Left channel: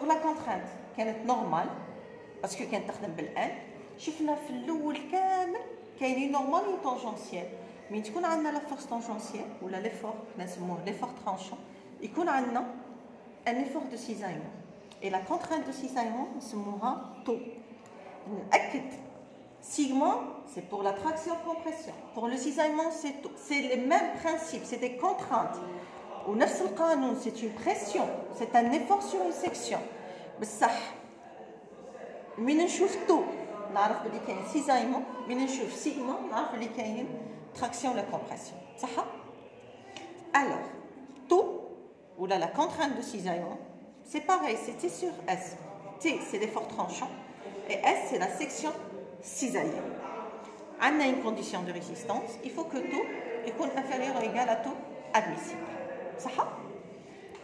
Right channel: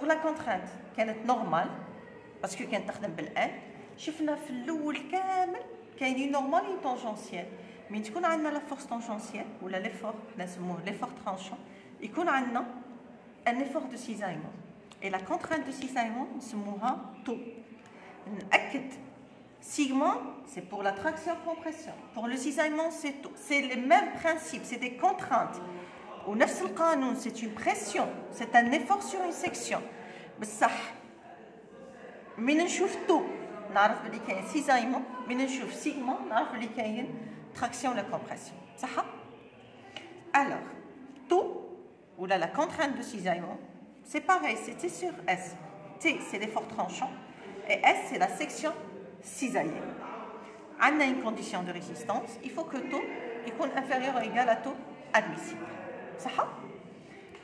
pour la contrainte كانت نورمال باسكو كانت تخدم بالان. شفنا في الاول كامل كاينين نورمال و طونجونسيال. من تكون عندنا لا فورس طونجونسيال ولا ليفور نسموه ليفور ترانشون يكون عندنا ان effort de cisaillement et la contrainte de cisaillement نسموها تو. نأكد sigma c'est pour la traction compression, pour le cisaillement c'est tout, c'est les mêmes principes, c'est des contraintes. Ou نفس القانون c'est une pression, c'est un effort sur une section. بصح من نشوف تو نعرف بلي كاين سيزايمون، من نشوف سيغما نعرف بلي كاين تراكسيون ولا كومبرسيون، صح؟ alors تو ولا la contrainte de cisaillement c'est pareil, c'était sur S. T c'est l'effort tranchant et S c'est la section cisaillée. On a une condition de résistance, il faut que taux est inférieur ou égal à taux admissible. Ça?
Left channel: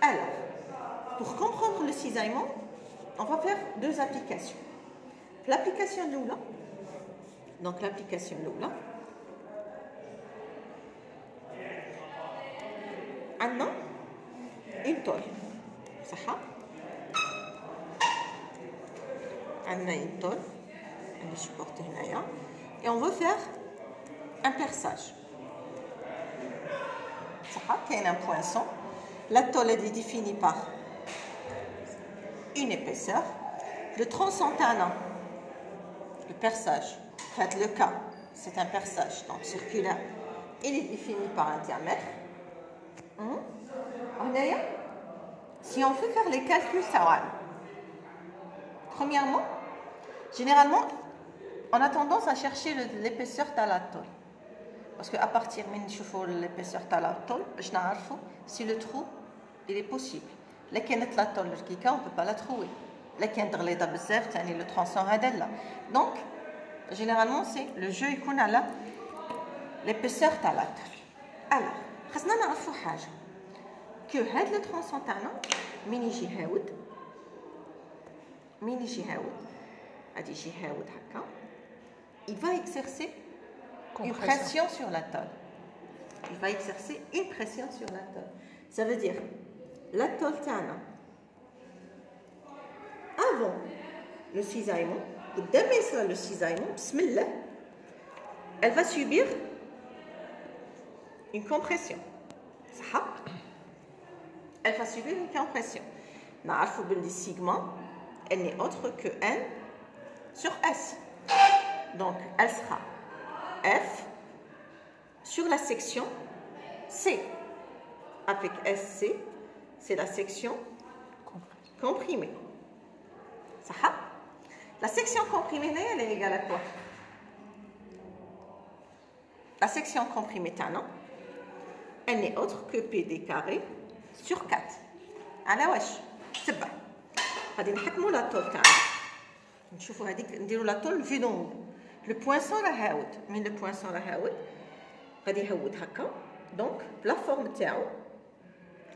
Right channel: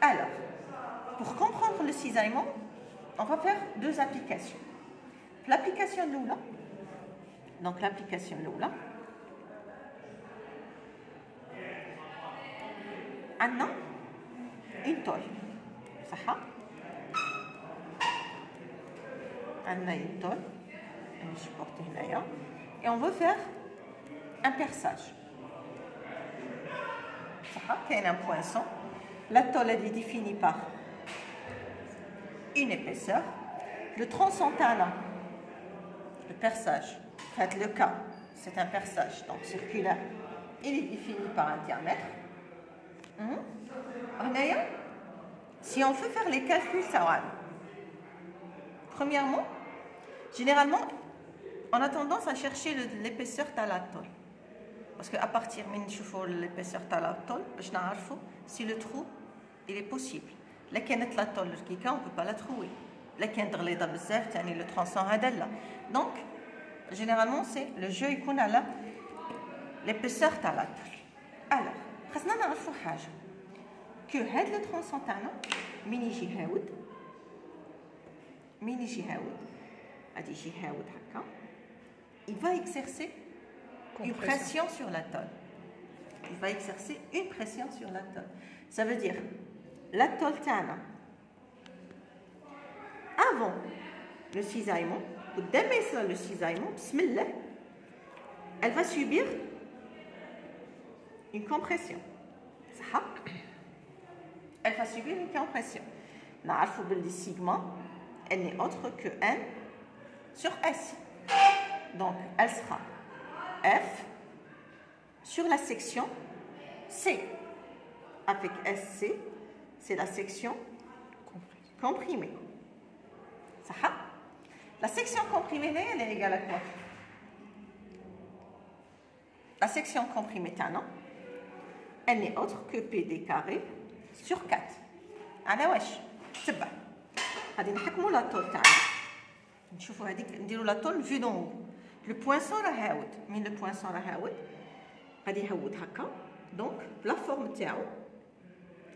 Alors, pour comprendre le cisaillement, on va faire deux applications. L'application Lula, donc l'application Lula, on a une tôle. Ça? On a une tôle, on est supporté là, et on veut faire un perçage. Il y a un poinçon. La tôle est définie par une épaisseur. Le tronçon tana, le perçage, faites le cas, c'est un perçage donc circulaire. Il est défini par un diamètre. Si on fait faire les calculs, ça va. Premièrement, généralement, on a tendance à chercher l'épaisseur de la tôle. Parce qu'à partir de l'épaisseur de la tôle, je sais si le trou il est possible. La tôle, on ne peut pas la trouver. Le tronçon là. Donc, généralement, c'est le jeu qui a l'épaisseur de la tôle. Alors, il faut savoir que le tronçon il va exercer une pression sur la tôle. Il va exercer une pression sur la tôle. Ça veut dire, la tôle tana, avant le cisaillement, le cisaillement, bismillah, elle va subir une compression. Ça? Elle va subir une compression. Na'arfou billi sigma, elle n'est autre que N sur S. Donc, elle sera F sur la section C. Avec SC, c'est la section comprimée. Ça? La section comprimée, elle est égale à quoi? La section comprimée, elle n'est autre que PD carré sur 4. أنا واش تبع غادي نحكموا لا طول تاعنا نشوفوا هذيك نديروا لا طول في دون لو بوينسون راه هاود من لو بوينسون راه هاود غادي يهود هكا دونك لا فورم تاعو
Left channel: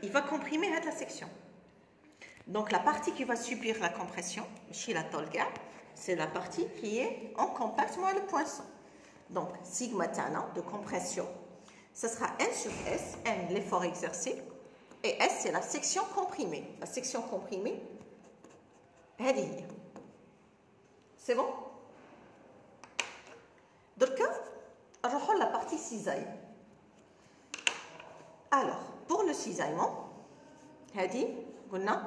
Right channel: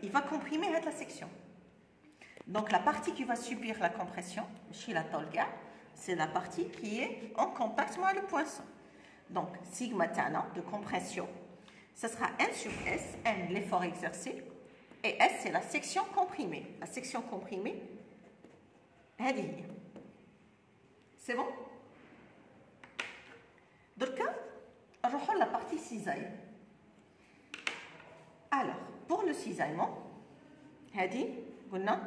il va comprimer هاد لا سيكسيون donc la partie qui va subir la compression chez la tôle gap c'est la partie qui est en contact avec le poinçon donc sigma tana de compression ça sera N sur S N l'effort exercé et S, c'est la section comprimée. La section comprimée, c'est bon? Donc, on va la partie cisaille. Alors, pour le cisaillement, on a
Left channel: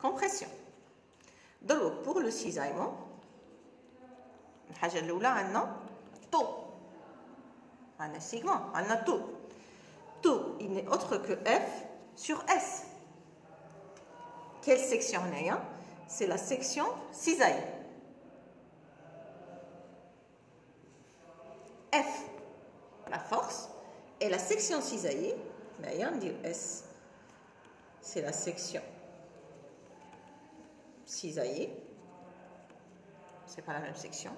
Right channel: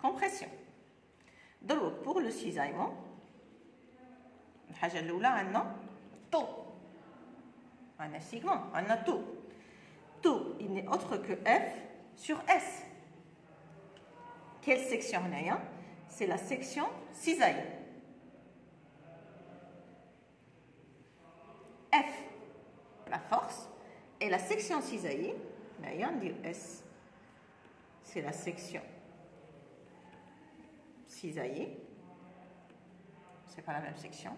compression. Donc, pour le cisaillement, on a taux. On a sigma, on a taux. Taux, il n'est autre que F sur S. Quelle section on a? C'est la section cisaille. F, la force, et la section cisaillée, on dit S, c'est la section cisaillée. C'est pas la même section.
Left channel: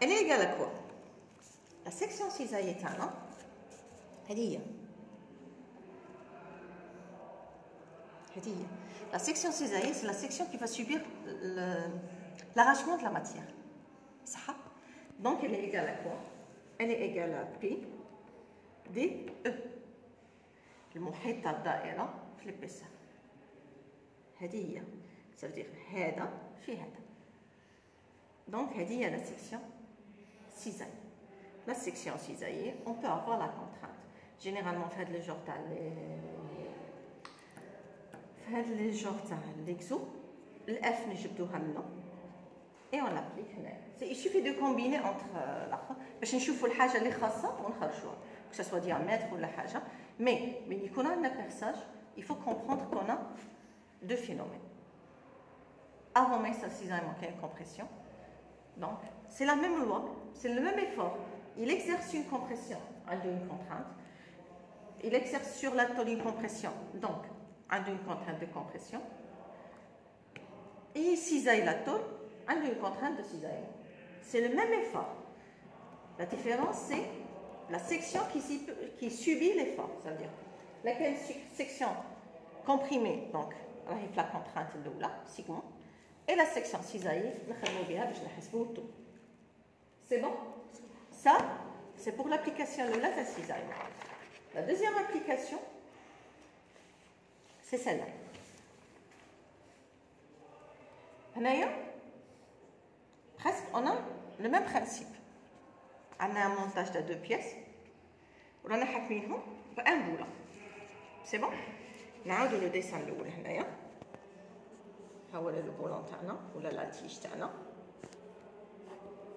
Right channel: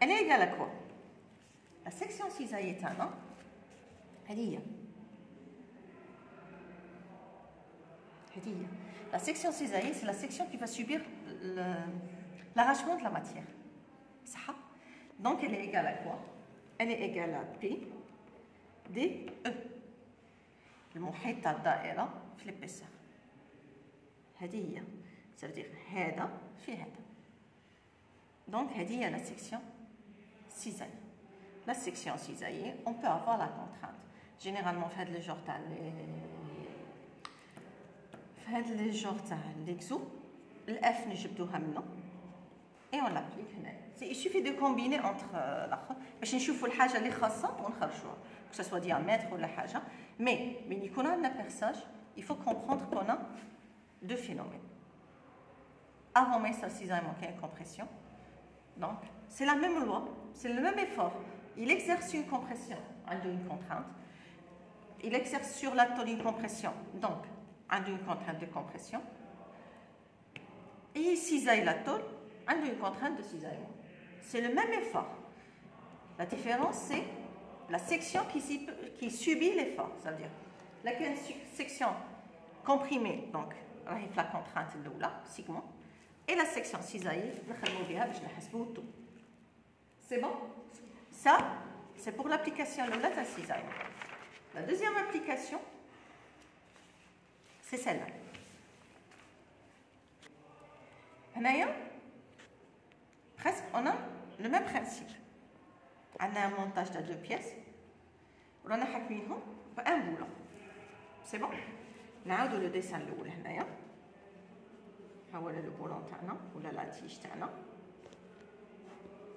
Elle est égale à quoi? La section cisaillée est un. La section cisaillée, c'est la section qui va subir l'arrachement de la matière. Donc, elle est égale à quoi? Elle est égale à P D E. المحيط تاع الدائرة في l'épaisseur. هذه هي. Ça veut dire هذا في هذا. Donc هذه هي la section cisaillée. La section cisaillée, on peut avoir la contrainte. Généralement, في هذا les genres تاع les genres تاع l'exo, الF نجبدوها منه et on l'applique هنا. Il suffit de combiner entre l'autre باش نشوفوا الحاجه اللي خاصه ونخرجوها. Que ce soit diamètre ou la haja. Mais quand on a un perçage, il faut comprendre qu'on a deux phénomènes. Avant même ça, cisaillement, il y a une compression. Donc, c'est la même loi, c'est le même effort. Il exerce une compression, une contrainte. Il exerce sur la tôle une compression, donc, une contrainte de compression. Et il cisaille la tôle, une contrainte de cisaillement. C'est le même effort. La différence, c'est la section qui subit l'effort, c'est-à-dire laquelle section comprimée, donc la contrainte de là, sigma, et la section cisaillée, c'est bon? Ça, c'est pour l'application de la cisaille. La deuxième application, c'est celle-là. Presque, on a le même principe. On a un montage de 2 pièces. On a حاكمينهم بان بوله. C'est bon? نعاودوا لو ديسان الاول هنايا. ها هو لو بولون تاعنا ولا لا تيج تاعنا.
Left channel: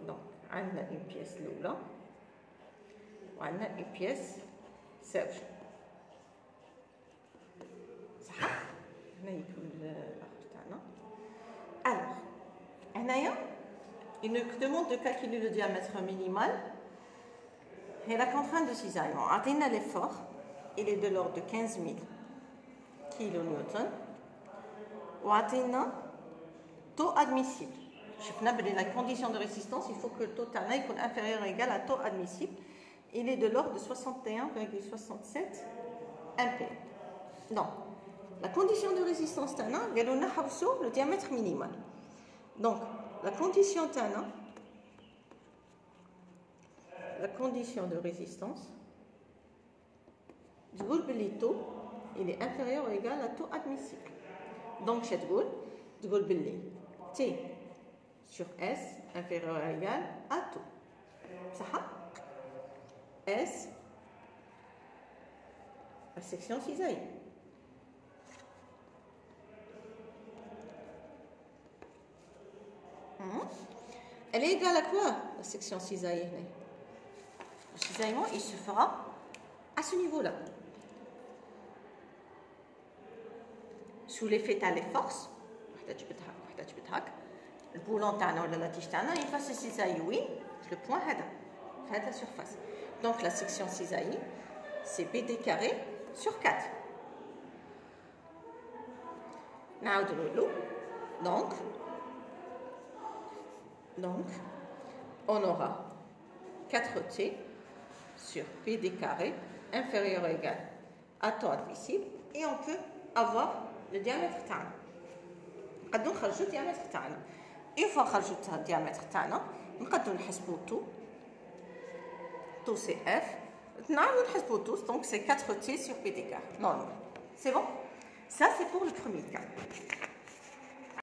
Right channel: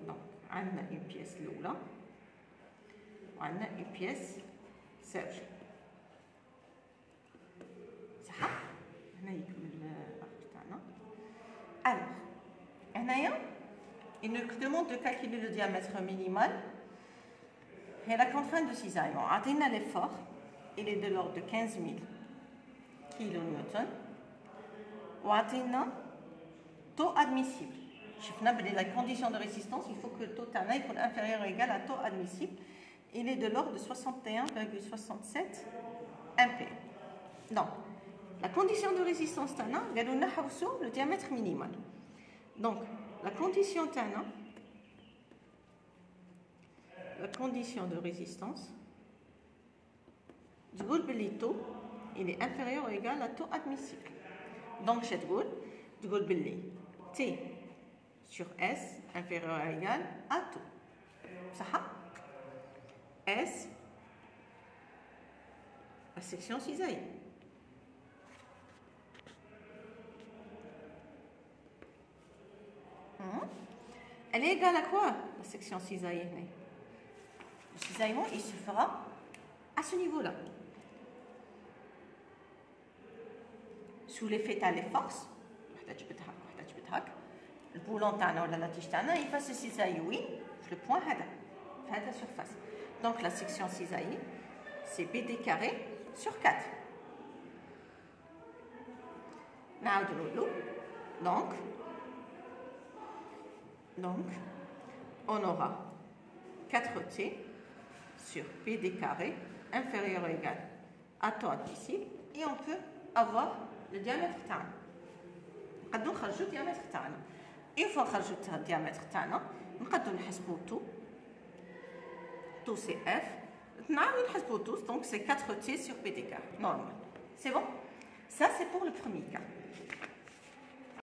دونك عندنا اون بيس الاولى وعندنا اون بيس سيرج. صح؟ هنا يكون الاخر تاعنا. Alors, هنايا il nous demande de calculer le diamètre minimal et la contrainte de cisaillement. Atteindre l'effort, il est de l'ordre de 15 000 kN. Ou atteindre taux admissible. La condition de résistance, il faut que le taux TANA soit inférieur ou égal à taux admissible. Il est de l'ordre de 61,67 MP. Donc, la condition de résistance TANA, c'est le diamètre minimal. Donc, la condition TANA, la condition de résistance, le taux, il est inférieur ou égal à taux admissible. Donc, je dis T sur S inférieur ou égal à taux. Ça S, la section cisaillée. Elle est égale à quoi, la section cisaillée? Le cisaillement, il se fera à ce niveau-là. Sous l'effet de les forces, le boulon ou la tige, il va se cisailler le point à la surface. Donc la section cisaillée, c'est BD carré sur 4. Donc, on aura 4T sur PD carré inférieur ou égal à taux admissible et on peut avoir le diamètre تاعنا. نقدروا نخرجوا الديامتر تاعنا. Une fois خرجت الديامتر تاعنا نقدروا نحسبوا tout c'est F. نعاودوا نحسبوا tous, donc c'est 4T sur PD carré. Non, c'est bon? Ça c'est pour le premier cas.